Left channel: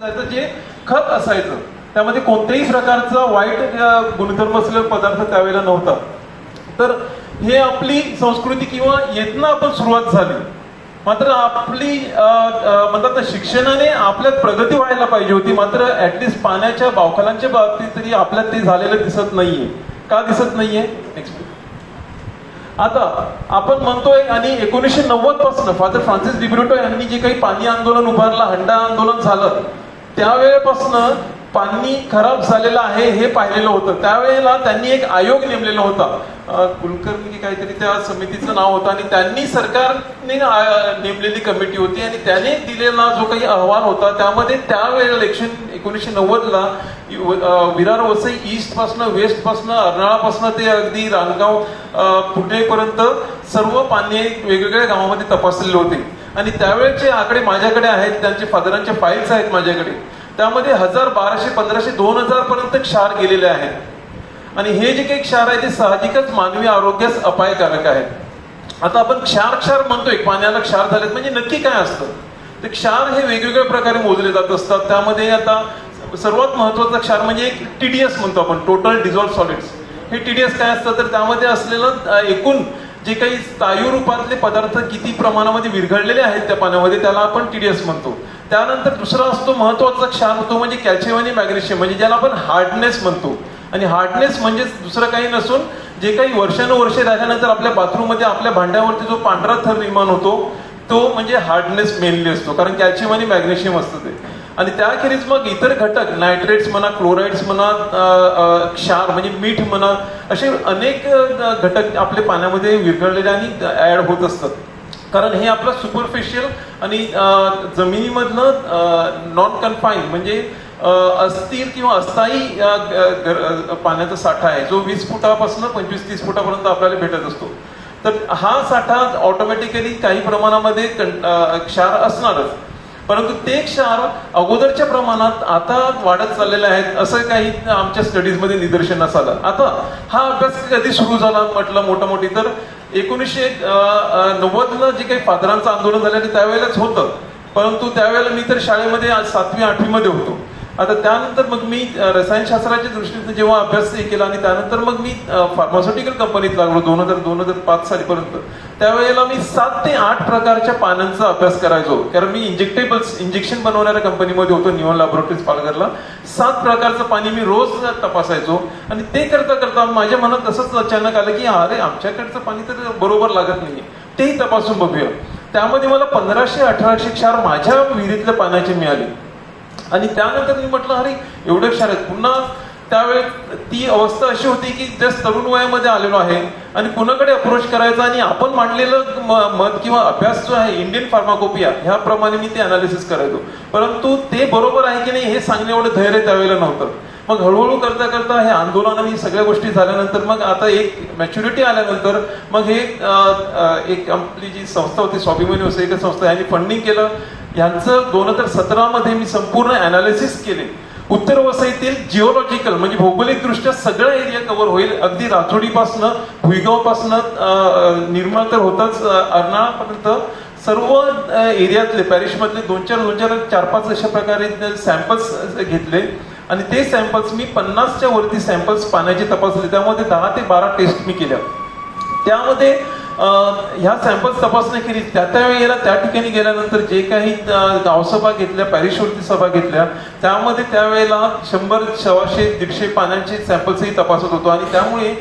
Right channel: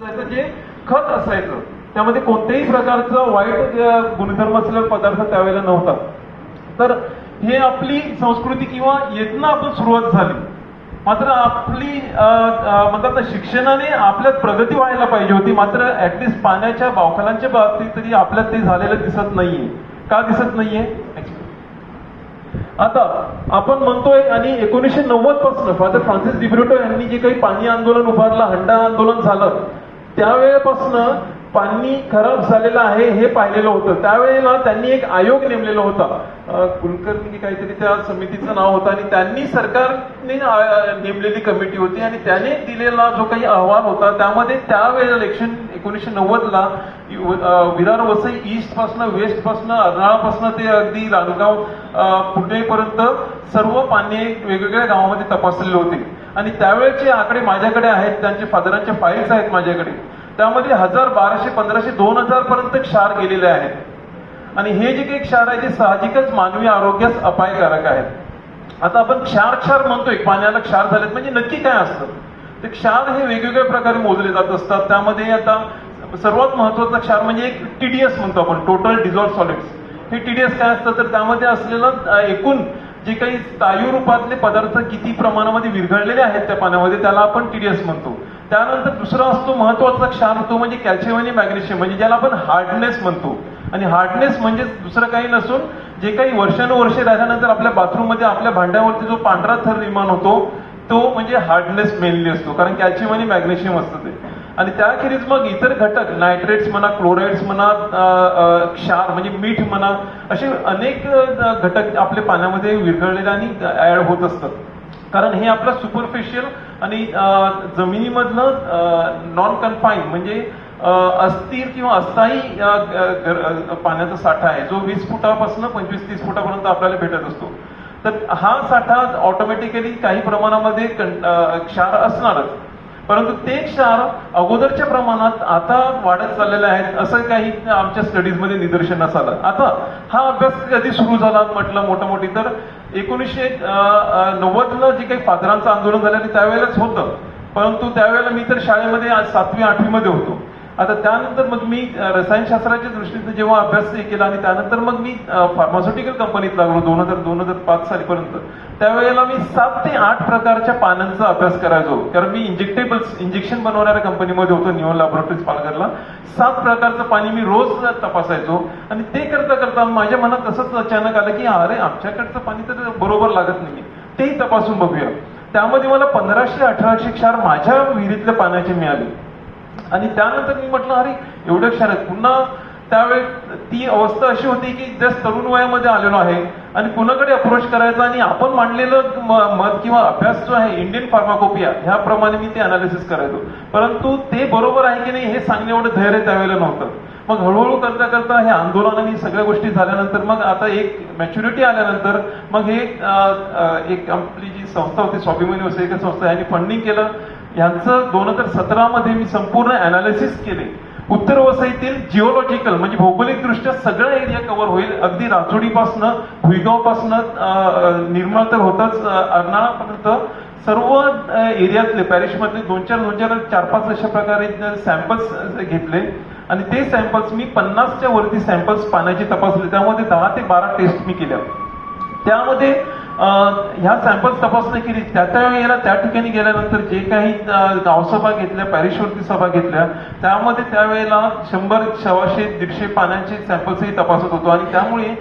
त्याचं जे खत असायचं त्यामध्ये कोणत्याही प्रकारचा वाईट गुणधर्म असलेला पदार्थ त्यावेळेला नव्हता. तर हे आपली संस्कृती किंवा येथनं आपण सुरुवात झाली. मात्र आपली म्हणतात शिक्षणाने आपल्यात प्रगती व्हायला पाहिजे होती. मात्र ऍटलिस्ट पाण्याच्या बावखलांच्या बाबतीत तरी आपल्यात ते झालेलं दिसत नाहीये. का दिसत नाहीये? आता आपण म्हणतोय आणि 1990 पासून फादर फ्रान्सिस डिब्रुटो यांनी जे काही पाणी आंदोलन उभारलं, हंडा आंदोलन झालं, त्यावेळेपासून पाणी खराब झालेलं आहे हे पाहिलेलं होतं. त्यावेळेला त्यांनी एक आयोग नेमलेला होता, कुलकर्णी काहीतरी त्या समितीचं नाव होतं, आणि त्यांनी सरकारने नेमलेली कमिटी होती आणि त्याने दिलेला जो काही अहवाल होता त्यामध्ये त्यावेळेला 1990ला विरार वसई ईस्ट पासून वेस्ट पासून अर्नाळापासून ते अगदी रानगाव पुणेपर्यंत सर्व पाणी वेगवेगळ्या गावामध्ये तपासलेले होते. आणि त्यावेळेचे आकडे माझ्याकडे आहेत, त्यांचे फादरांचे फाईल्स आहेत माझ्याकडे. त्यामध्ये 1000, 1200, 1500, 2000 पर्यंत क्षार गेलेले आहेत. आणि हे जे काही क्षार आहे ते साहजिकच मानवी आरोग्यास अपायकारक आहे. आता आपण क्षार म्हणतोय, पाण्याला क्षार झालेत म्हणजे नक्की काय असतं? ते क्षार हे वेगवेगळ्या प्रकारे मोजले जात असतात. त्यामध्ये आता सर्वात महत्वाचा क्षार म्हणजे एक TDS म्हणतो आपण, टोटल डिझॉल्व्ड सॉलिड्स. हे TDS काय असतं तर त्यामध्ये असलेलं एकूण जे काही स्थायू रूपातले पदार्थ किती प्रमाणामध्ये विरघळलेले आहेत त्या पाण्यामध्ये, त्याला आपण TDS म्हणतो. त्यानंतर दुसरा असतो महत्वाचा क्षार, तो म्हणजे कॅल्शियम आणि मॅग्नेशियम, म्हणजे ज्याला आपण हार्डनेस म्हणतो. आणि हार्डनेस म्हणजे दुसरं काही नसून जे काही वर्षानुवर्षे राहिल्यानंतर आपल्या बाथरूममध्ये आपल्या भांड्यावरती जो पांढरा थर निर्माण होतो तो म्हणजे हार्डनेस मेनली असतो, कारण कॅल्शियम आणि मॅग्नेशियम असतं ते. आणि त्याखेरीज मग इतर घटक, नायट्रेट्स म्हणा, क्लोराइड्स म्हणा, क्षार म्हणजे मीठ म्हणा, असे अनेक घटक आपल्या पाण्यामध्ये विरघळलेले आणि ऍड होत असतात. कारण हे आपलं सुपरफिशियल आणि जमिनीमधलं नॉन कन्फाईन म्हणजे अस्थिर किंवा अस्थायी पाण्याचा साठा आहे, जो 20 फुटापासून 25-30 फुटापर्यंत आपल्याला भेटत असतो. तर हा साठा ऑटोमॅटिकली काही प्रमाणामध्ये क्षार असणारच, परंतु ते क्षार अगोदरच्या प्रमाणात आता वाढत चाललेले आहेत असं काही आमच्या स्टडीजमध्ये निदर्शनास आलं. आता हा अभ्यास कधी सुरू झाला म्हटलं मोठी तर 1990ला जे काही फादरांचं आंदोलन झालं त्यावेळेलाच होतं. परंतु त्यावेळेला मी तर शाळेमध्ये 7वी 8वी मध्ये होतो. आता त्यानंतर मग मी रसायनशास्त्राच्या दृष्टीने जेव्हा अभ्यास केला आणि त्यानंतर मग मी फार्मास्युटिकल कंपनीत लागलो 2000-2005 सालीपर्यंत. त्यावेळेला मी 7 ते 8 प्रकारच्या पानांचा अभ्यास करायचो, कारण मी इंजेक्शन बनवणाऱ्या कंपनीमध्ये होतो निवॉन लॅबोरेटरीज पालघरला. 7 प्रकारचं पाणी मी रोज तपासायचो. आणि ते करता करता माझ्या मनात तसंच अचानक आलं की अरे आमच्याकडचं पाणी तर बरोबर लागत नाही, तेही तपासून बघूया. त्यामध्ये मला 1500-1800 क्षार माझ्या विहिरीतल्या पाण्याचे मिळाले. आणि त्यानंतर मी म्हटलं अरे एवढं क्षार आहेत. पुन्हा त्यावेळेस ती अवस्था अशी होती की जस्ट तरुण वयामध्ये आलेलो आहे आणि कुणाकडे अप्रोच करायचा, आणि आपण मांडलेलं मत किंवा अभ्यास जो आहे इंडियन फार्माकोपिया ह्याप्रमाणे मी ते अनालिसिस करायचो. परंतु ते बरोबर आहे की नाही हे सांगणे एवढं धैर्य त्यावेळेला नव्हतं. मग हळूहळू करता करता हे आंदोलन आणि सगळ्या गोष्टी झाल्यानंतर मग आता एक मॅच्युरिटी आल्यानंतर मग हे एक आपली जी संस्था होती स्वाभिमानी वसईकर संस्था यांनी फंडिंग केलं. यांचं 2017 मध्ये मी संपूर्ण अनालिसिस केले. उत्तर वसईतील जिओलॉजिकल म्हणजे भौगोलिक दृष्ट्या सगळं एरिया कव्हर होईल, अगदी राजोडीपासून भुईगावपासून निर्मळ तर होताच अर्नाळापर्यंत सर्व एरियातले पॅरिशमधले 2-4 अशा प्रकारे सॅम्पल्स घेतले. आणि ते सॅम्पल्स मी 50च्या वरती सॅम्पल्स पाण्याचे तपासले. त्यामध्ये 10 ते 12 टेस्ट मी केल्या. त्यामध्ये ह्या सॅम्पल्स तपासण्या केली. त्या वेळेला त्या ठिकाणी गेल्यानंतर जे काही गावसभा घेतल्या, पॅरिशवरती सभा घेतल्या, त्यामध्ये त्यावेळेला 100, 100, 150 पाण्याचे सॅम्पल्सही तपासत होतो. आणि त्यामुळे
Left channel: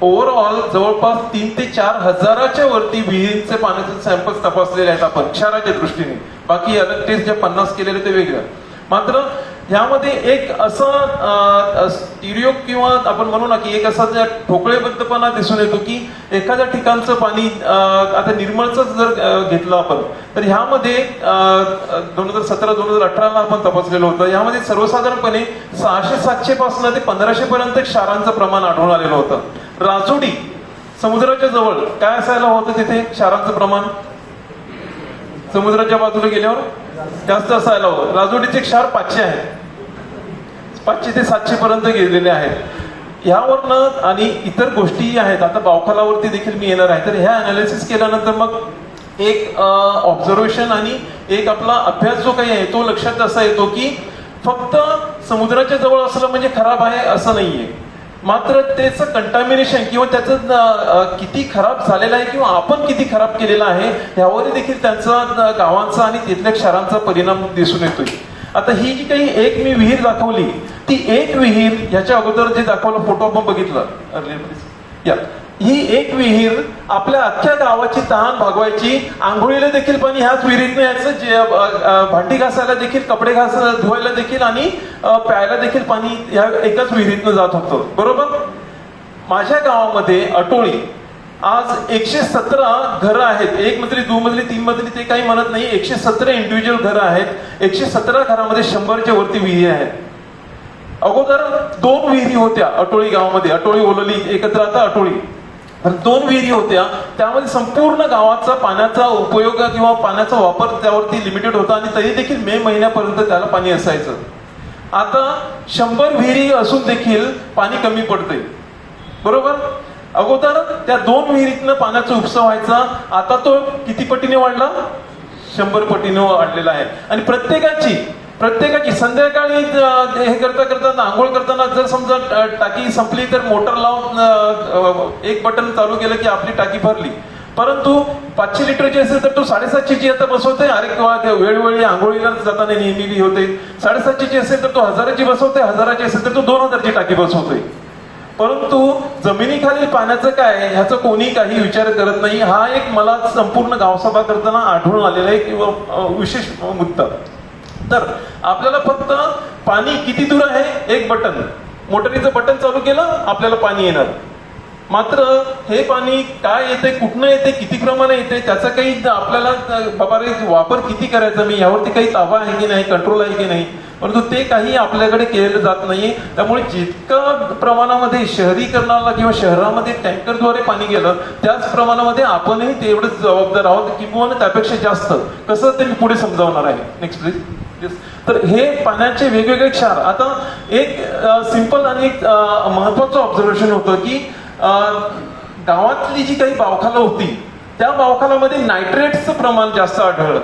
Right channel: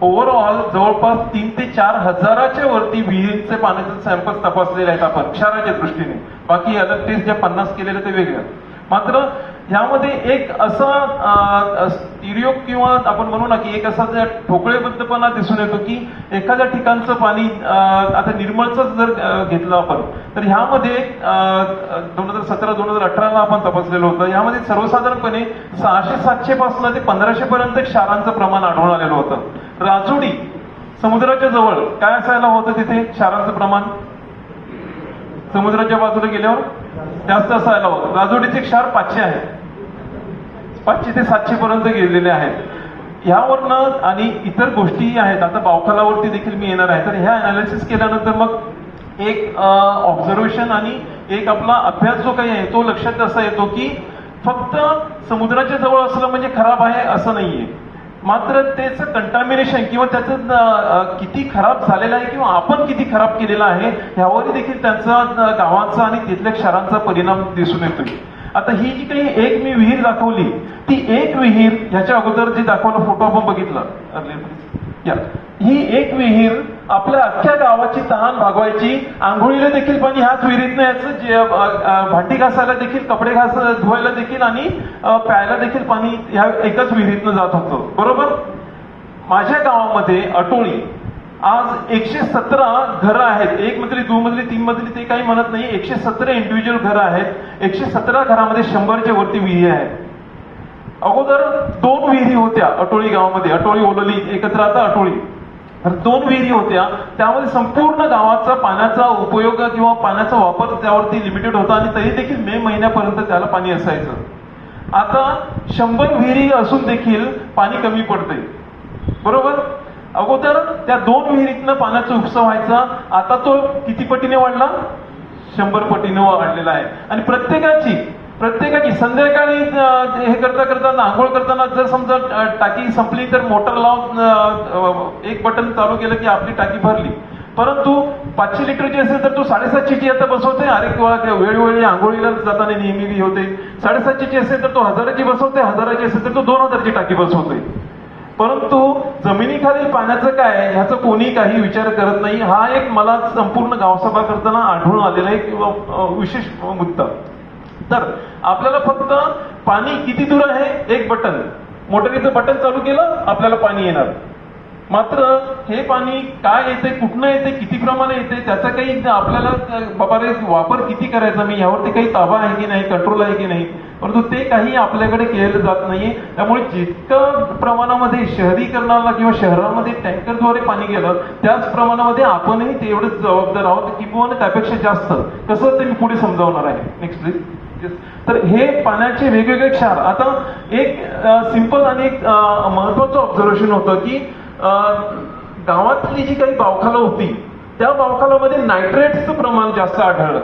ओव्हरऑल जवळपास 3 ते 4 हजाराच्या वरती विहिरींचे पाण्याचे सॅम्पल्स तपासलेले आहेत आपण क्षाराच्या दृष्टीने. बाकी अलग टेस्ट ज्या 50 केलेल्या ते वेगळ्या. मात्र ह्यामध्ये एक असा स्टिरिओ किंवा आपण म्हणू ना की एक असा ठोकळेबद्धपणा दिसून येतो की एखाद्या ठिकाणचं पाणी आता निर्मळच जर घेतलं आपण तर ह्यामध्ये 2017-2018ला आपण तपासलेलं होतं. ह्यामध्ये सर्वसाधारणपणे 600-700 पासून ते 1500 पर्यंत क्षारांचं प्रमाण आढळून आलेलं होतं. राजुडी समुद्राच्या जवळ काय असायला होतं तिथे क्षारांचं प्रमाण? समुद्राच्या बाजूला गेल्यावर जास्त असायला होतं. राजोडीचे क्षार 500 आहेत, 500 ते 700 पर्यंत गेलेले आहेत. ह्यावरनं आणि इतर गोष्टीही आहेत. आता बावखलावरती देखील मी येणार आहे. तर ह्या अनालिसिस केल्यानंतर मग एक ऑब्झर्वेशन आणि एक आपला अभ्यास जो काही आहे तो लक्षात असा येतो की फक्त समुद्राच्या जवळ असलं म्हणजे खराब आहे असं नाहीये, मात्र त्याचं कंटामिनेशन किंवा त्याचं किती खराब झालेलं आहे किंवा आपण किती खराब केलेलं आहे ह्यावर देखील त्यांचा गावांचा आणि तिथल्या क्षारांचा परिणाम दिसून येतोय. आता ही जी काही एक मी विहीर दाखवली, ती एक विहीर ह्याच्या अगोदर जे दाखवलं फोटो आपण बघितलं, या ही एक विहीर आपल्या अख्ख्या गावाची तहान भागवायची. आंघोळीला देखील पाणी ह्याच विहिरीतनं यायचं, जे भांडी घासायला देखील, कपडे घासायला, धुवायला देखील आणि प्यायला देखील पाणी ह्या एकाच विहिरीतनं जात होतं. बरोबर. माझ्या गावामध्ये अटोळी आज 117 घरं आहेत. 1 मजली, 2 मजली, 3 मजली ते काही म्हणत नाही, 117 इंडिव्हिज्युअल घरं आहेत. 117 घरामध्ये 100च्या वरती विहिरी आहेत. अगोदर 2 विहिरी होत्या अटोळी गावामध्ये, अटोळी ओलली एकत्र आता अटोळी. 2 विहिरी होत्या, त्यामध्ये संपूर्ण गावाचा पाण्याचा उपयोग किंवा पाण्याचा वापर त्यावरती लिमिटेड होता आणि तरी देखील मे महिन्यापर्यंत त्याला पाणी असायचं. आता 100 विहिरी असून देखील पाणी कमी पडते. बरोबर. अगोदर त्या 2 विहिरीतनं पाण्याचा उपसा व्हायचा, आता तो किती पटीने वाढला? 100 पटीने वाढलेला आहे. आणि प्रत्येकाची संध्याकाळी हे करता आंघोळ करताना जर समजा टाकी संपली तर मोटर लावून एक बटन चालू केलं की आपली टाकी भरली. परंतु 500 लिटरची असेल तर तो 750ची आता बसवते. अरे वेळोवेळी आंघोळीला जाताना नेहमी होते. 750ची असेल तर तो 1000ची बसवते, 1000ची असेल तर तो 2000ची टाकी बसवतोय. परंतु जमिनीखाली पाण्याचं काय ह्याचा कोणी काही विचार करत नाही. हा एक मला संपूर्ण गावसभा करताना आढळून आलेला एक विशेष मुद्दा. तर आपल्याला फक्त पाणी किती दूर आहे, एक बटन, मोटरीचं बटन चालू केलं आपल्याला पाणी येणार. मात्र हे पाणी काय येते, कुठनं येते, किती प्रमाणे येते, त्याचा काही आपल्याला बाबा वापर किती करायचा मी यावरती काही ताबा आहे की नाही, कंट्रोल आहे की नाही, परंतु ते काही आपल्याकडे केलं जात नाहीये. त्यामुळे जितकं प्रमाणामध्ये शहरीकरणाला किंवा शहरामध्ये टँकरद्वारे पाणी गेलं त्याच प्रमाणामध्ये आपणही तेवढंच जबाबदार आहोत किंवा त्यापेक्षा जास्त. कसं ते मी पुढे समजावणार आहे. Next please. तर हे पाण्याचे वेगवेगळे क्षार. आता एक सिंपल आणि एक महत्वाचं ऑब्झर्वेशन होतं की गावातली जी काही बावखाला होती त्या बावखालामध्ये नायट्रेट्सचं प्रमाण जास्त आढळलं.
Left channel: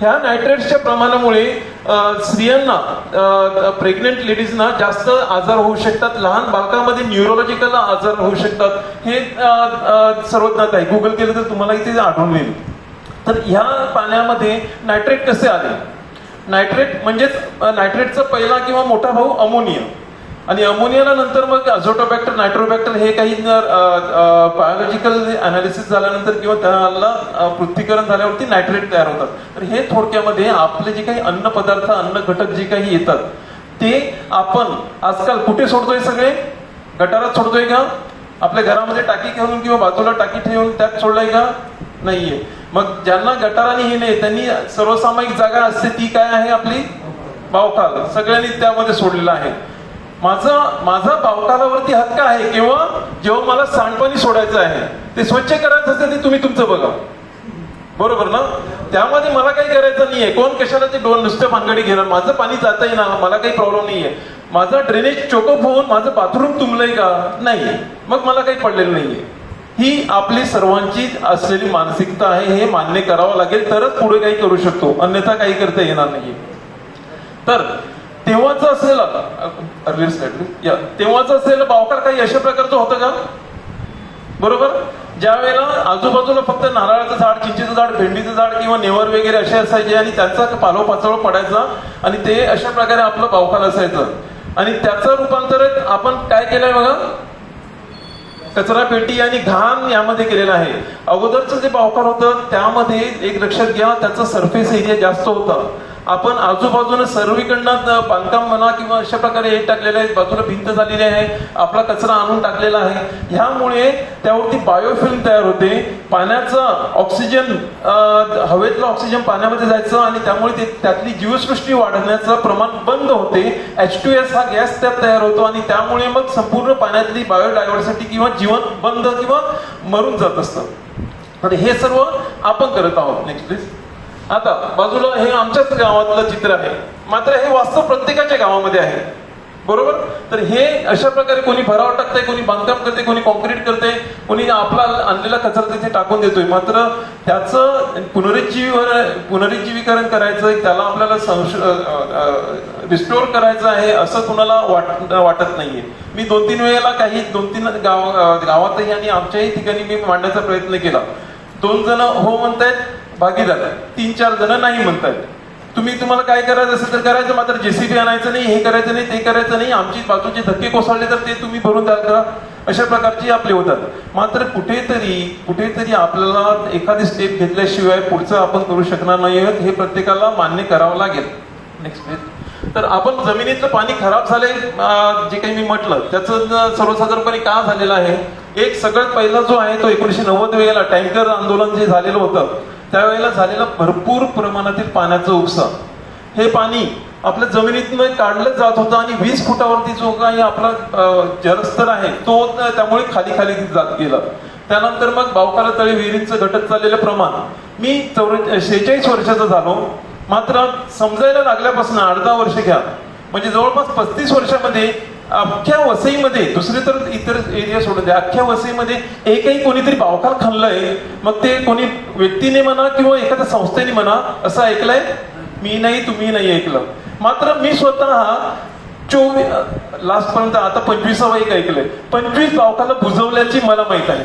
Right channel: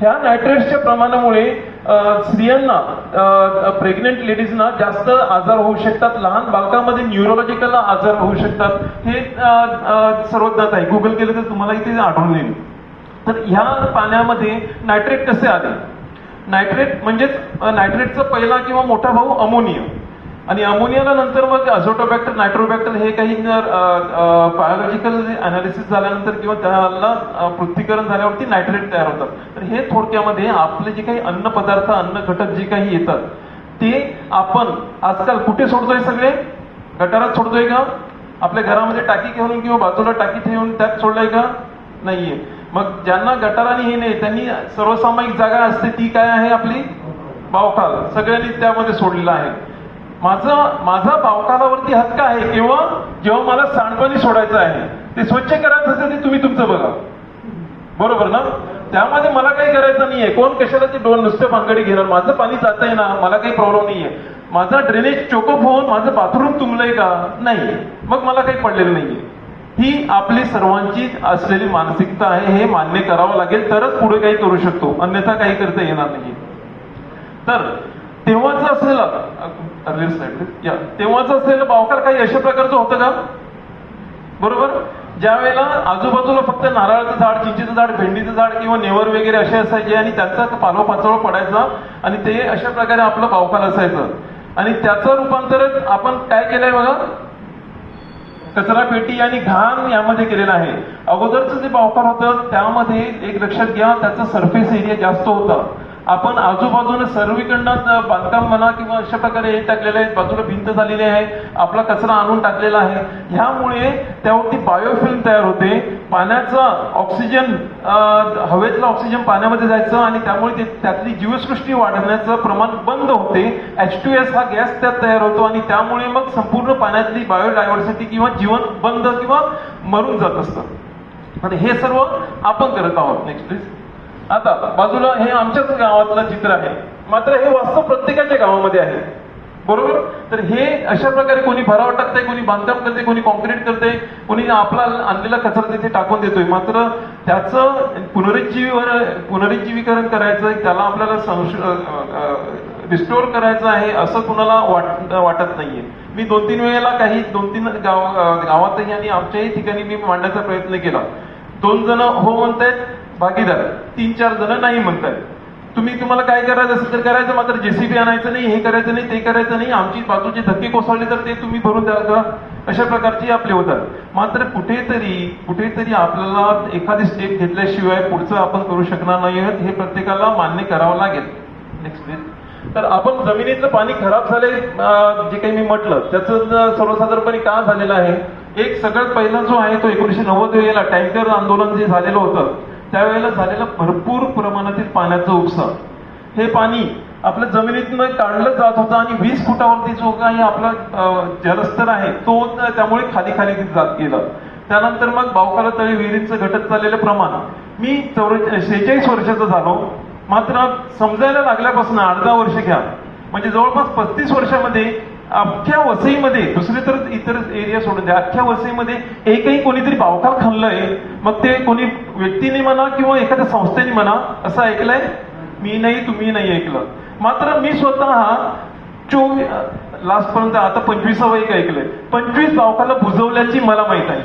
ह्या नायट्रेट्सच्या प्रमाणामुळे स्त्रियांना, प्रेग्नेंट लेडीजना जास्त आजार होऊ शकतात. लहान बालकांमध्ये न्यूरोलॉजिकल आजार होऊ शकतात. हे सर्वज्ञात आहे. गुगल केलं तर तुम्हाला इथे आढळून येईल. तर ह्या पाण्यामध्ये नायट्रेट कसे आले? नायट्रेट म्हणजेच नायट्रेटचा पहिला किंवा मोठा भाऊ अमोनिया, आणि अमोनियाला नंतर मग अझोटोबॅक्टर, नायट्रोबॅक्टर हे काही बायोलॉजिकल अनालिसिस झाल्यानंतर किंवा त्याला पृथ्वीकरण झाल्यावरती नायट्रेट तयार होतात. तर हे थोडक्यामध्ये आपले जे काही अन्न पदार्थ, अन्न घटक जे काही येतात ते आपण आजकाल कुठे सोडतोय? सगळे गटारात सोडतोय का? आपल्या घरामध्ये टाकी घेऊन किंवा बाजूला टाकी ठेवून त्यात सोडलाय का? नाहीये. मग ज्यांना गटाराने हे नाही त्यांनी सर्वसामायिक जागा असते ती काय आहे? आपली बावखाल. सगळ्यांनी त्यामध्ये सोडलेलं आहे. माझा बावखालावरती हक्क आहे किंवा जेव्हा मला सांडपाणी सोडायचं आहे, ते स्वच्छ करायचं असेल ते तुम्ही तुमचं बघा. बरोबर ना? त्यामध्ये मला काही करायचं नाहीये. कोण कशाला ते नुसतं भानगडी घेणार? माझं पाणी जातंय ना, मला काही प्रॉब्लेम नाहीये. माझा ड्रेनेज चोकअप होऊन माझं बाथरूम तुंबलंय का? नाही, मग मला काही पडलेलं नाहीये. ही आपली सर्वांची असलेली मानसिकता आहे. हे मान्य करावं लागेल तरच पुढे काही करू शकतो, अन्यथा काही करता येणार नाही. तर तेव्हाच असलेलं बावखाल काही अशा प्रकारचं होतं का? बरोबर. ज्या वेळेला आजूबाजूला फक्त नारळाचं झाड, चिंचेचं झाड, भेंडीचं झाड किंवा नेवर वगैरे असे असायचे आणि त्यांचा पाचोळा पडायचा आणि ते अशा प्रकारे आपलं बावखाल असायचं. आणि त्याचं रूपांतर आपण काय केलंय बघा, कचरा पेटी आणि घाण यामध्ये केलेला आहे. अगोदरचं जे बावखाल होतं त्यामध्ये एक लक्षात घ्या, त्याचा सरफेस एरिया जास्त होता. आपण आजूबाजूने सर्वीकडनं बांधकाम म्हणा किंवा अशा प्रकारे हे टाकलेलं आहे, बाजूला भिंत झालेली आहे, आपला कचरा आणून टाकलेला आहे. ह्यामुळे त्यावरती बायोफिल्म तयार होते. पाण्याचा ऑक्सिजन, हवेतला ऑक्सिजन पाण्यामध्ये जायचं आणि त्यामुळे त्यातली जीवसृष्टी वाढण्याचं प्रमाण बंद होते. H2S हा गॅस त्यात तयार होतो आणि त्यामुळे मग संपूर्ण पाण्यातली बायोडायव्हर्सिटी किंवा जीवन बंद किंवा मरून जात असतं. तर हे सर्व आपण करत आहोत. Next please. आता बाजूला हे आमच्याच गावातलं चित्र आहे, मात्र हे वास्तव प्रत्येकाच्या गावामध्ये आहे. बरोबर. तर हे अशा प्रकारे कोणी भराव टाकते, कोणी बांधकाम करते, कोणी कॉन्क्रीट करते, कोणी आपला आणलेला कचरा तिथे टाकून देतोय. मात्र त्याचं पुनरुज्जीवीकरण करायचं, त्याला आपल्याला रिस्टोर करायचं आहे असं कुणाला वाटत नाहीये. मी 2-3 वेळेला काही 2-3 गावातही आणि आमच्याही ठिकाणी मी मांडण्याचा प्रयत्न केला. 2 जण हो म्हणतायत भागीदार, 3-4 जण नाही म्हणतायत. तुम्हाला काय करायचं असेल तर करायचं, मात्र जेसीबी आणायचं नाही, हे करायचं नाही, ते करायचं नाही, आमची बाजूचे धक्के कोसळले तर ते तुम्ही भरून तयार करा, अशा प्रकारची आपले होतात. मात्र कुठेतरी आपल्याला एखादी स्टेप घेतल्याशिवाय पुढचं आपण करू शकणार नाही, हे प्रत्येकाला मान्य करावं लागेल. Next page. तर आपण जमिनीतलं पाणी खराब झाले जे काही मी म्हटलं त्याचं सर्वसाधारणपणे का झालेलं आहे. एक सगळ्यात पहिला जो आहे तो 1990 वेळेला टँकर आंदोलन जे झालेलं होतं त्यावेळेला झालेला भरपूर प्रमाणातील पाण्याचा उपसा. हे पाणी आपल्या जमिनीतनं काढलं जात होतं आणि 20 फुटावरती जो काही आपला जलस्तर आहे तो त्यामुळे खाली जात गेला. त्यानंतर मग बावकाला तळी विहिरींचं घटत चाललेलं प्रमाण. मी 46 वर्षाचा झालो, मात्र समजायला लागल्यापासून 8-10 वर्ष घ्या, म्हणजे जवळपास 35 वर्षामध्ये अख्ख्या वसईमध्ये, दुसरे तर इतर एरिया सोडून द्या, अख्ख्या वसईमध्ये एकही कोणीतरी बावकाल खाल्लंय, मग ते कोणी व्यक्तीने म्हणा किंवा एखाद्या संस्थेने म्हणा, असं ऐकलंय? मी नाही, तुम्ही नाही ऐकलं. मात्र मी स्वतः लास्ट पर्यंत आता 25वा एक ऐकलंय. 25 बावकाला बुजवल्याची मला माहित आहे.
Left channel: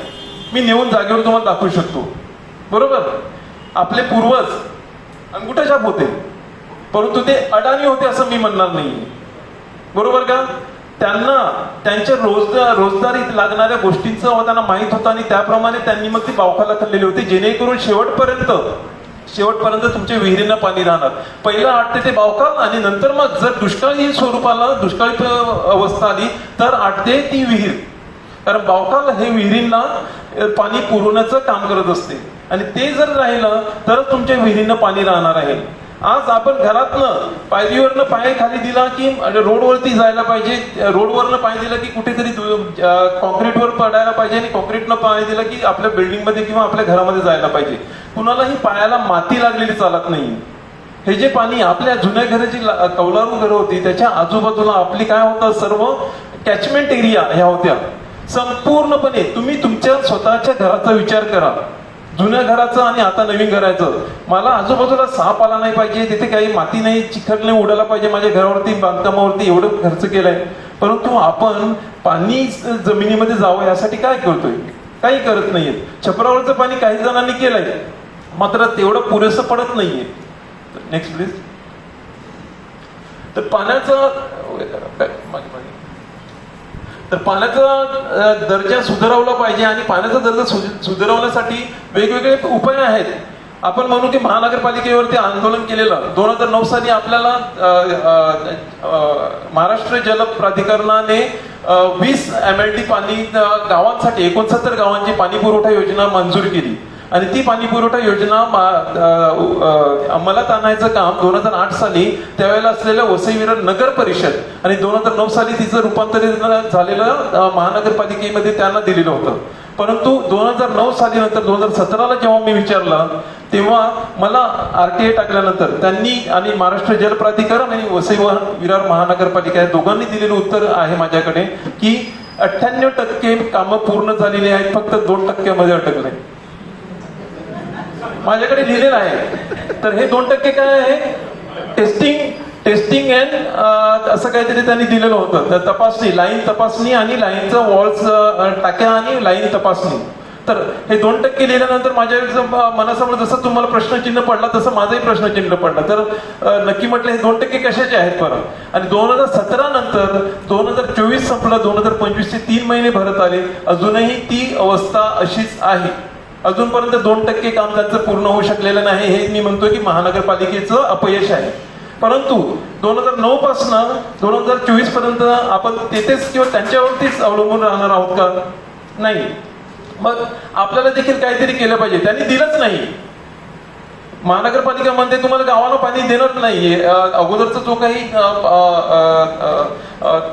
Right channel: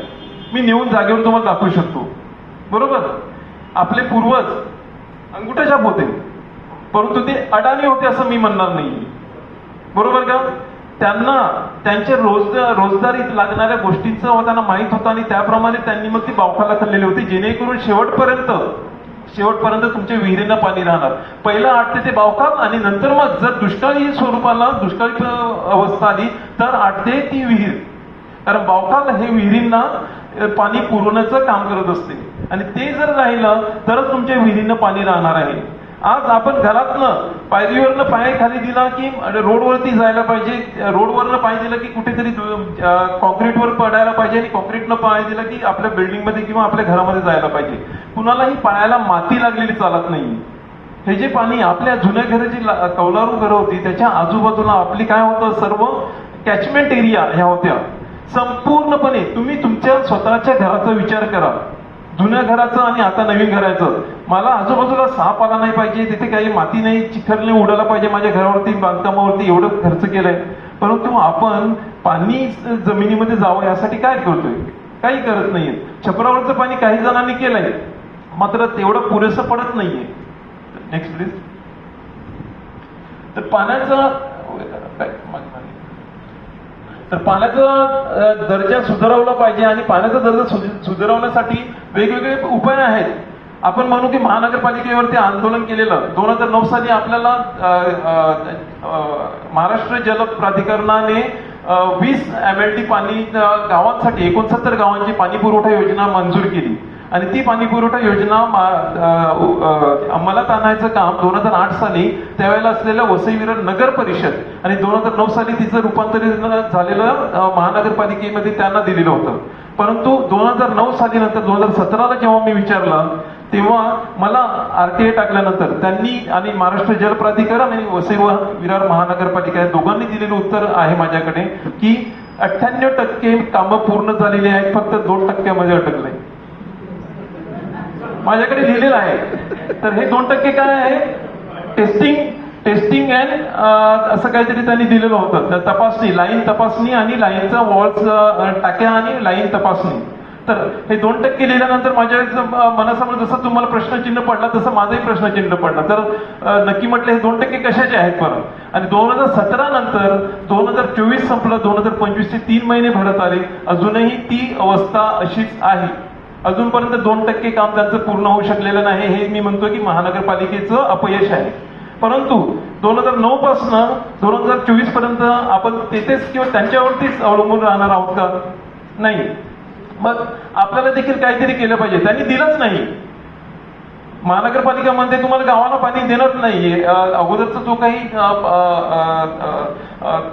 मी नेऊन जागेवर तुम्हाला दाखवू शकतो. बरोबर. आपले पूर्वज अंगुठ्याछाप होते, परंतु ते अडाणी होते असं मी म्हणणार नाही. बरोबर का. त्यांना त्यांच्या रोजगारीत लागणाऱ्या गोष्टींचं त्यांना माहित होतं आणि त्याप्रमाणे त्यांनी मग ती बावकाला खाल्लेली होती, जेणेकरून शेवटपर्यंत तुमच्या विहिरींना पाणी राहणार. पहिला 8 ते बावकाल आणि नंतर मग जर दुष्काळी अवस्था आली तर 8 ते ती विहीर. कारण बावकाल हे विहिरींना पाणी पुरवण्याचं काम करत असते आणि ते जर राहिलं तर तुमच्या विहिरींना पाणी राहणार आहे. आज आपण घरातनं पायरीवरनं पाय खाली दिला की रोडवरती जायला पाहिजे, रोडवरनं पाय दिला की कुठेतरी कॉन्क्रीटवर पडायला पाहिजे आणि कॉन्क्रीटनं पाय दिला की आपल्या बिल्डिंगमध्ये किंवा आपल्या घरामध्ये जायला पाहिजे. कुणालाही पायाला माती लागलेली चालत नाही. हे जे पाणी आपल्या जुन्या घराची कौलारू घरं होती त्याच्या आजूबाजूला आपली काय होतं, सर्व कॅचमेंट एरिया ह्या होत्या. संपूर्णपणे तुम्ही तुमच्या स्वतःच्या घराचा विचार करा, जुन्या घराचं आणि आता नवीन घराचं. मला आजूबाजूला साप आला नाही पाहिजे, तिथे काही माती नाही, चिखल नाही उडाला पाहिजे माझ्या घरावरती, बांधकामावरती एवढं खर्च केलाय. परंतु आपण पाणी जमिनीमध्ये जावं यासाठी काय करतोय? काही करत नाहीये. छपरावरचं पाणी काही जणांनी केलंय, मात्र तेवढं पुरेसं पडत नाहीये. Next please. तर पाण्याचा दर्जा सुधारवला पाहिजे आणि पाण्याचा दर्जा सुधारवण्यासाठी वेगवेगळे उपाय आहेत. आपण म्हणू की महानगरपालिकेवरती आंदोलन केलेलं 2009 साली आपल्याला महाराष्ट्र जल प्राधिकरणाने 20 MLD पाणी गावांसाठी 69 गावांची पाणी पुरवठा योजना मंजूर केली आणि ती पाणी पुरवठा योजना अंमलात आणायचं काम 2008 साली त्यावेळेला असलेल्या वसई विरार नगर परिषद आणि 2009 साली तिचं रूपांतरित झालेलं महानगरपालिकेमध्ये त्यांना दिलेलं होतं. परंतु 2009 साली नंतर 2017ला जेव्हा मी विचारलं तेव्हा मला RTA टाकल्यानंतर त्यांनी आणि महाराष्ट्र जल प्राधिकरण आणि वसई विरार महानगरपालिका या दोघांनी दिलेलं उत्तर आहे माझ्याकडे की 98% कामं पूर्ण झालेली आहेत, फक्त 2% मध्ये अटकले. माझ्याकडे लिहिलेलं आहे. तर हे 2% काय आहे? टेस्टिंग अँड असं काहीतरी त्यांनी दिलेलं होतं. तर तपासणी, लाईन तपासणी आणि लाईनचा वॉल्स टाक्या आणि लाईन तपासणी. तर हे 2% लिहिल्यानंतर माझ्या मनासमोर जसं तुम्हाला प्रश्नचिन्ह पडला तसं माझाही प्रश्नचिन्ह पडला. तर नक्की म्हटलं हे 2% कशाचे आहेत परत. आणि 2017 नंतर 2024 संपलं, 2025चे 3 महिने भरत आले, अजूनही ती अवस्था अशीच आहे. अजूनपर्यंत 2% काम त्यांचं पूर्ण होऊ शकलेलं नाही. हे मी म्हणतो की महानगरपालिकेचं अपयश आहे. परंतु 2009 पासून 2024 पर्यंत आपण तेथेच किंवा त्यांच्यावरतीच अवलंबून राहणार आहोत का? नाही. मग आपल्याला देखील काहीतरी केलं पाहिजे. त्यांनी दिलंच नाही. महानगरपालिका म्हणते तुम्हाला गावाला पाणी देणार नाहीये. अगोदरचा जो काही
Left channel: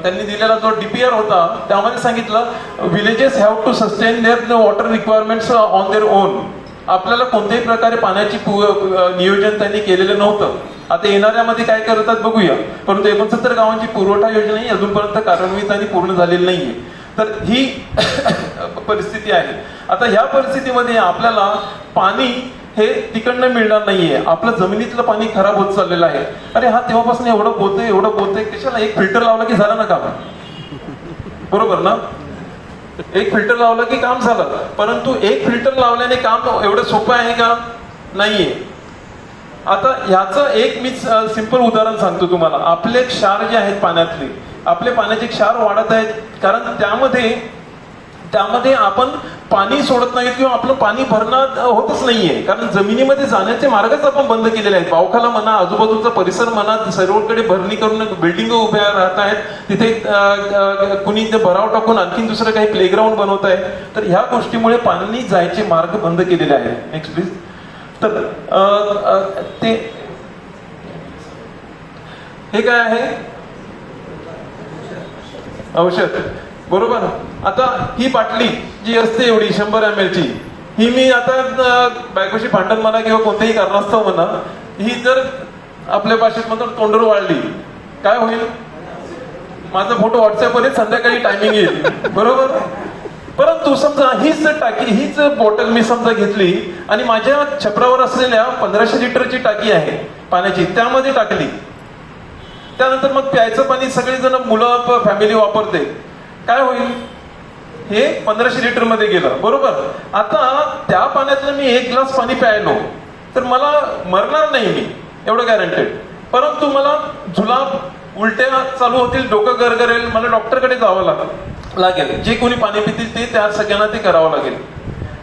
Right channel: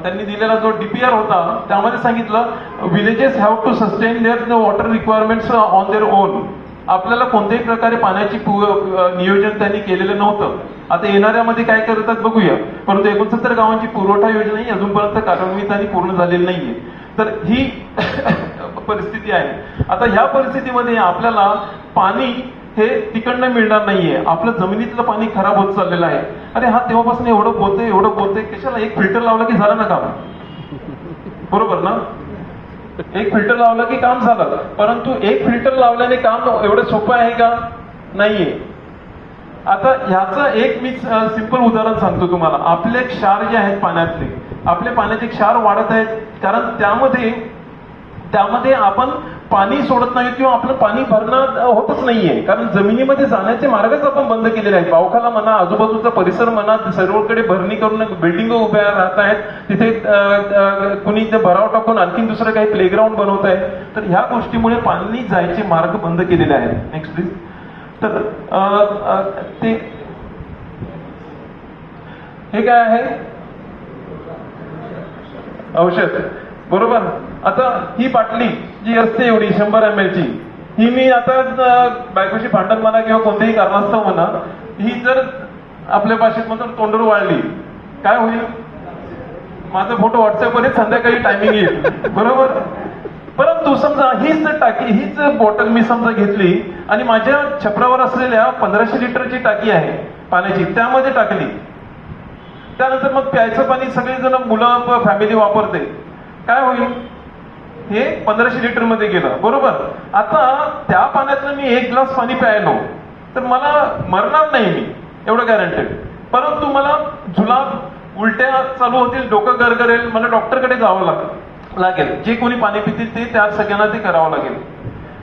त्यांनी दिलेला जो DPR होता त्यामध्ये सांगितलं villages have to sustain their water requirements on their own. आपल्याला कोणत्याही प्रकारे पाण्याची नियोजन त्यांनी केलेलं नव्हतं. आता येणाऱ्यामध्ये काय करतात बघूया. परंतु 69 गावांची पुरवठा योजना ही अजूनपर्यंत कार्यान्वित आणि पूर्ण झालेली नाहीये. तर ही परिस्थिती आहे. आता ह्या परिस्थितीमध्ये आपल्याला पाणी हे तिकडनं मिळणार नाहीये. आपलं जमिनीतलं पाणी खराब होत चाललेलं आहे. अरे हा तेव्हापासून एवढं बोलतोय कशाला, एक फिल्टर लावलं की झालं ना काम, बरोबर ना? एक फिल्टर लावलं की काम झालं. परंतु एक फिल्टर लावल्याने काम एवढं सोपं आहे का? नाहीये. आता ह्याचं एक मी सिंपल उदाहरण सांगतो तुम्हाला. आपले क्षार जे आहेत पाण्यातले, आपले पाण्याचे क्षार वाढत आहेत कारण त्यामध्ये आपण पाणी सोडत नाही किंवा आपलं पाणी भरणं होतच नाहीये. कारण जमिनीमध्ये जाण्याचे मार्गच आपण बंद केलेले आहेत. पावखाला म्हणा, आजूबाजूचा परिसर म्हणा, सर्वकडे भरणी करून बिल्डिंग उभ्या राहत आहेत. तिथे कुणी भराव टाकून आणखीन दुसरं काही प्लेग्राऊंड बनवत आहे. तर ह्या गोष्टीमुळे पाणी जायचे मार्ग बंद केलेले आहेत. Next please. तर ते हे काय आहे? औषध, बरोबर. आता ही बाटली जी असते एवढी 100 ml ची, ही मी आता बायकोशी भांडण म्हणा किंवा कोणत्याही कारणास्तव म्हणा, ही जर आपल्या भाषेत म्हणतो तोंडूर वाळली, काय होईल? माझा फोटो व्हॉट्सअपवर संध्याकाळी टायमिंग येईल, बरोबर. परंतु समजा हीच टाकी, हीच बॉटल मी समजा घेतली आणि माझ्या छपरावर असलेल्या 1500 लिटरची टाकी आहे पाण्याची, त्यामध्ये टाकली. त्यानंतर मग प्यायचं पाणी सगळेजण, मुलं, फॅमिली वापरते, काय होईल? हे 1500 लिटर मध्ये गेलं, बरोबर. आता त्या पाण्यातलं मी 1 ग्लास पाणी प्यायलो तर मला मरणार नाही मी, एवढं गॅरंटेड. परंतु मला जुलाब, उलट्या चालू होतील, डोकं गरगरेल, मला डॉक्टरकडे जावं लागेल. जे कोणी पाणी पितील ते त्या सगळ्यांना ते करावं लागेल.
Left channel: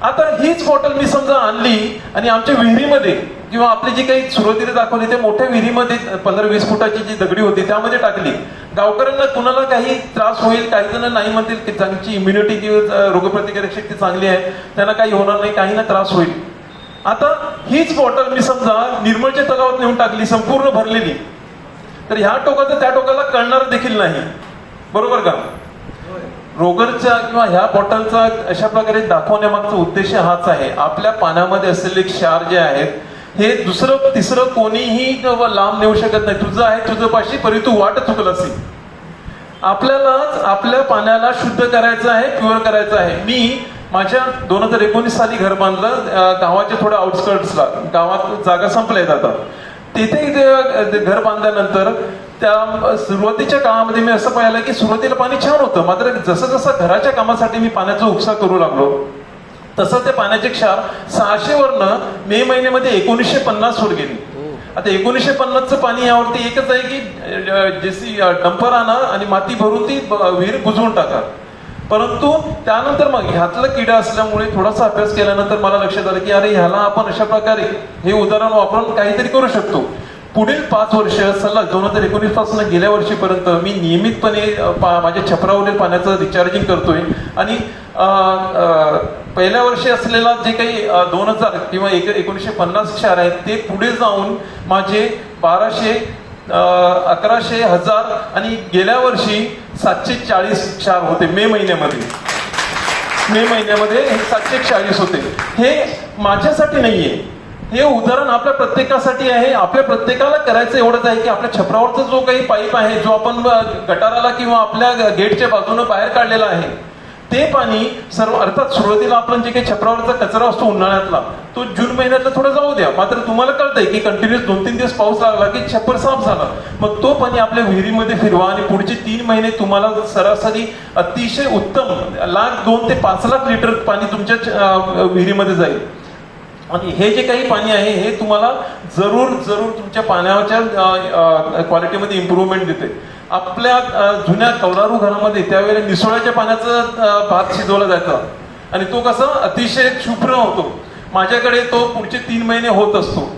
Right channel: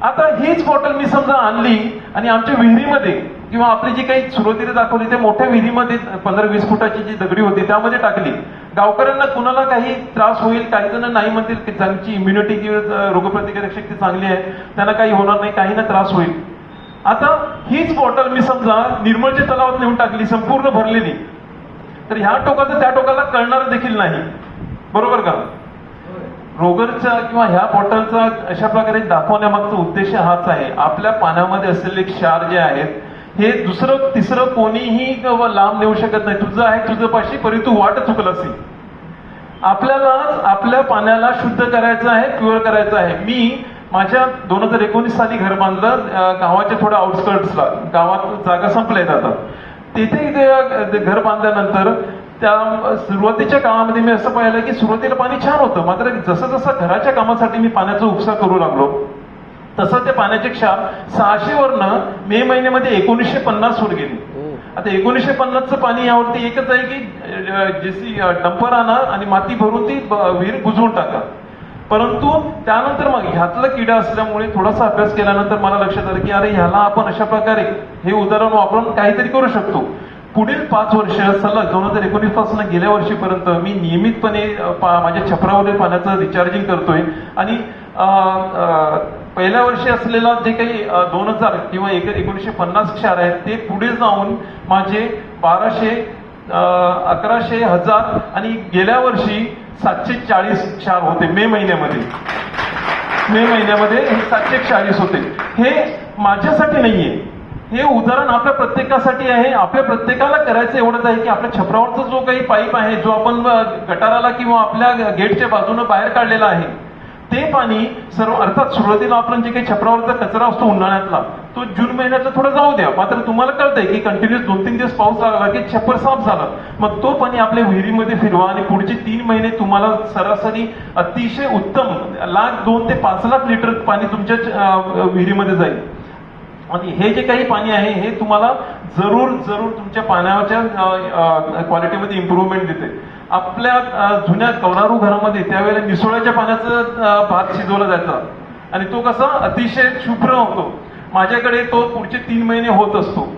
आता हीच बॉटल मी समजा आणली आणि आमच्या विहिरीमध्ये किंवा आपली जी काही सुरुवातीला दाखवली त्या मोठ्या विहिरीमध्ये 15-20 फुटाची जी दगडी होती त्यामध्ये टाकली. गावकऱ्यांना कुणाला काही त्रास होईल, काही जण नाही म्हणतील की त्यांची इम्युनिटी किंवा रोगप्रतिकारक शक्ती चांगली आहे, त्यांना काही होणार नाही, काही ना त्रास होईल. आता हीच बॉटल मी समजा निर्मळच्या तलावात नेऊन टाकली, संपूर्ण भरलेली, तर ह्या टोकाचं त्या टोकाला कळणार देखील नाही, बरोबर का? रोगरचा किंवा ह्या बॉटलचा अशा प्रकारे दाखवण्यामागचा उद्देश हाच आहे. आपल्या पाण्यामध्ये असलेले क्षार जे आहेत हे दुसरं तिसरं कोणीही लांब नेऊ शकत नाही. तुझं आहे तुझं पाशी, परी तू वाट चुकलसी. आपल्यालाच आपल्या पाण्याला शुद्ध करायचं आहे, प्युअर करायचं आहे. मी माझ्या 2019 साली घर बांधलं गावाच्या थोड्या आउटस्कर्ट्सला, गावात जागा संपल्यात आता. तिथे घर बांधल्यानंतर त्या सुरुवातीच्या काळामध्ये मी असं पाहिलं की सुरुवातीला पाणी छान होतं, मात्र जसं जसं घराच्या कामासाठी मी पाण्याचा उपसा करू लागलो तसं ते पाण्याचे क्षार 600 वरनं मे महिन्यामध्ये 1950 वर गेली. आता 1950चं पाणी यावरती एकच आहे की जेसी डंपर आणा आणि माती भरून ती विहीर बुजवून टाका. परंतु त्यानंतर मग ह्यातला किडा असल्यामुळे थोडासा अभ्यास केल्यानंतर मला लक्षात आलं की अरे ह्याला आपण अशा प्रकारे हे उदाहरण वापरून काहीतरी करू शकतो. पुढील 5 वर्ष सलग 2019 पासून गेल्या वर्षीपर्यंत मी नियमितपणे माझ्या छपरावरील पाण्याचं रिचार्जिंग करतोय. आणि पहिल्या वर्षी असलेला जे काही 2000 किंवा 1950 क्षार आहेत ते पुढे जाऊन माझे 1200, 1100, 1000 आणि गेल्या वर्षी 740 क्षार होते. मे महिन्यामध्ये हे 740 होते. हे माझ्यासाठी नाहीये, हे उदाहरण आपल्या प्रत्येकासाठी आहे. आपल्या प्रत्येकाला करायचं एवढंच आहे की आपल्या छपरावरचा जो काही पाईप आहे, जो आपण गटाराला किंवा आपल्या गेटच्या बाजूने बाहेर काढलेला आहे, ते पाणी सर्व, अर्थात सुरुवातीला आपण जे काही छपरावरचा कचरा असतो उन्हाळ्यातला, तो जून महिन्यातला थोडं जाऊ द्या. मात्र तुम्हाला कळतंय की कंटिन्युअस 2-3 दिवस पाऊस लागला की छप्पर साफ झाला, मग तो पाणी आपल्या विहिरीमध्ये फिरवा आणि पुढचे 3 महिने तुम्हाला सरासरी अतिशय उत्तम 2 ते 5 लाख लिटर पाणी तुमच्या विहिरीमध्ये जाईल. आणि हे जे काही पाणी आहे हे तुम्हाला जरूर तुमच्या पाण्याच्या क्वालिटीमध्ये इम्प्रूव्हमेंट देते. आपल्या जुन्या कौलारू घरामध्ये त्यावेळेला निसोळ्याच्या पाण्याचा भात शिजवला जायचा आणि तो कसा अतिशय शुभ्र होतो. माझ्याकडे तो पुढचे 3 महिने होत असतो.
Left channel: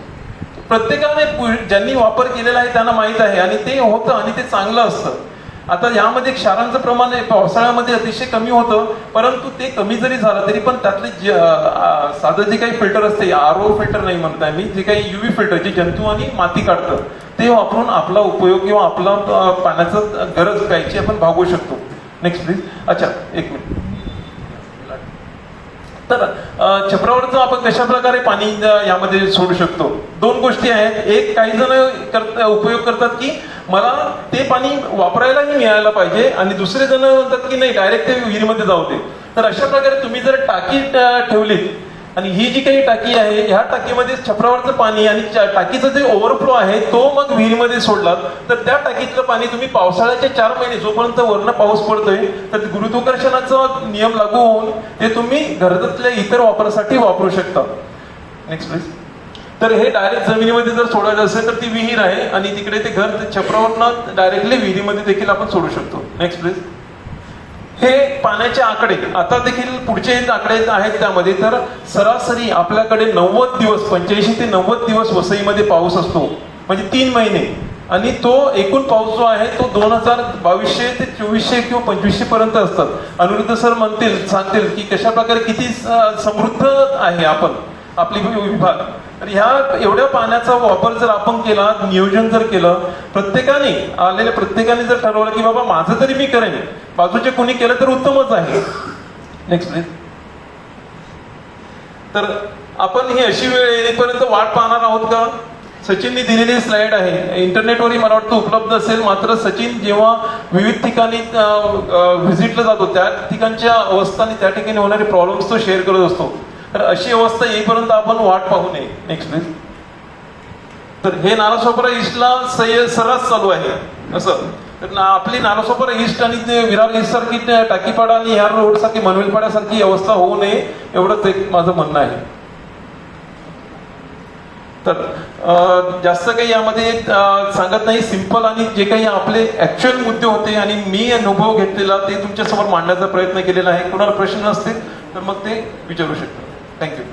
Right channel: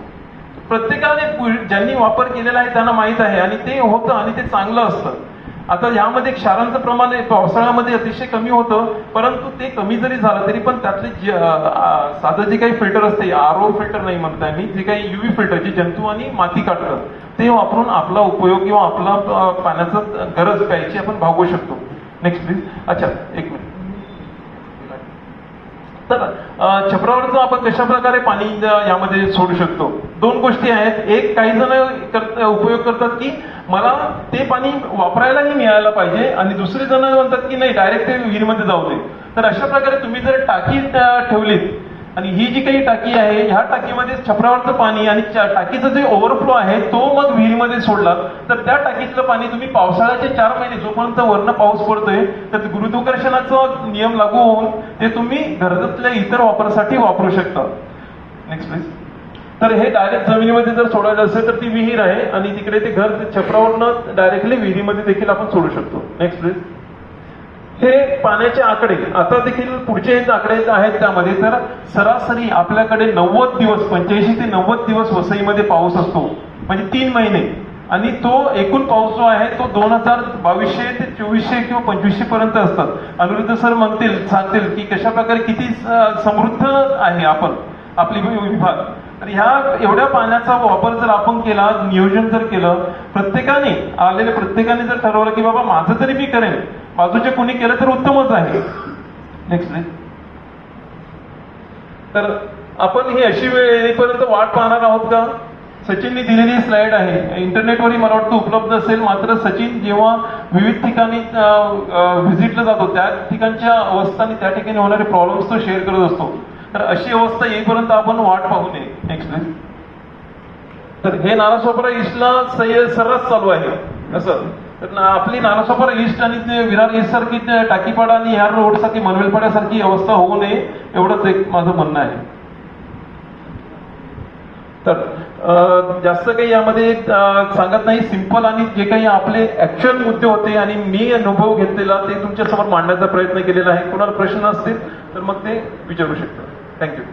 प्रत्येकाने ज्यांनी वापर केलेला आहे त्यांना माहित आहे आणि ते होतं आणि ते चांगलं असतं. आता यामध्ये क्षारांचं प्रमाण पावसाळ्यामध्ये अतिशय कमी होतं, परंतु ते कमी जरी झालं तरी पण त्यातले साधं जे काही फिल्टर असते, आरओ फिल्टर नाही म्हणताय मी, जे काही युव्ही फिल्टर जे जंतू आणि माती काढतं ते वापरून आपला उपयोग किंवा आपला पाण्याचं गरज प्यायची आपण भागवू शकतो. Next please. अच्छा, एक मिनिट. तर छपरावरचं आपण कशा प्रकारे पाणी यामध्ये सोडू शकतो? दोन गोष्टी आहेत. एक, काही जण उपयोग करतात की मला ते पाणी वापरायलाही मिळायला पाहिजे, आणि दुसरे जण म्हणतात की नाही, डायरेक्ट ते विहिरीमध्ये जाऊ दे. तर अशा प्रकारे तुम्ही जर टाकी ठेवलीत, आणि ही जी काही टाकी आहे, ह्या टाकीमध्ये छपरावरचं पाणी आणि टाकीचं जे ओव्हरफ्लो आहे तो मग विहिरीमध्ये सोडला, तर त्या टाकीतलं पाणी तुम्ही पावसाळ्याचे 4 महिने जोपर्यंत वरनं पाऊस पडतोय, तर गुरुत्वाकर्षणाचा नियम लागू होऊन ते तुम्ही घरातल्या इतर वापरासाठी वापरू शकता. Next please. तर हे डायरेक्ट जमिनीमध्ये जर सोडायचं असेल तर ती विहीर आहे, आणि तिकडे ते घर छपरावरनं डायरेक्टली विहिरीमध्ये देखील आपण सोडू शकतो. Next please. हे पाण्याचे आकडे आता देखील पुढचे आकडे आहेत त्यामध्ये. तर सरासरी आपल्याकडे 90 दिवस, 85 ते 90 दिवस वसईमध्ये पाऊस असतो, म्हणजे 3 महिने. आणि तो एकूण पाऊस जो आहे तो 2200 ते 2400 किंवा 2500 पर्यंत असतात. अनिरुद्ध सर सांगतील की कशा प्रकारे किती समृद्ध आहे आपली विभाग. तर ह्या एवढ्या पाण्याचा वापर जर आपण केला, नियोजन जर केलं, प्रत्येकाने जर ठरवलं की बाबा माझं तरी मी करेन, बाजूचे कोणी केलं तर उत्तमच आहे. Next please. तर आपण ही अशी वेळ येईपर्यंत वाट पाहणार आहोत का? सचिनने दिलेली स्लाइड आहे, इंटरनेटवरही मला वाटतं उपलब्ध असेल. मात्र सचिन जेव्हा विविध ठिकाणी व्हिजिटला जातो, त्या ठिकाणच्या अवस्था आणि त्या ठिकाणी होणारे प्रॉब्लेम्स तो शेअर करत असतो. तर अशी अवस्था येईपर्यंत आपण वाट पाहू नये. Next please. तर हे नालासोपारा ईस्टला सर्रास चालू आहे असं. तर आपली नालासोपारा ईस्ट आणि विरार ईस्ट सारखी टाकीपाडा आणि ह्या रोड सारखी मनवेलपाड्यासारखी अवस्था होऊ नये, एवढंच एक माझं म्हणणं आहे. तर जास्त काही यामध्ये सांगत नाही, सिंपल आणि जे काही आपले ऍक्च्युअल मुद्दे होते आणि मी अनुभव घेतलेला ते तुमच्या समोर मांडण्याचा प्रयत्न केलेला आहे. कोणाला प्रश्न असतील तर मग ते विचारू शकतो. थँक्यू.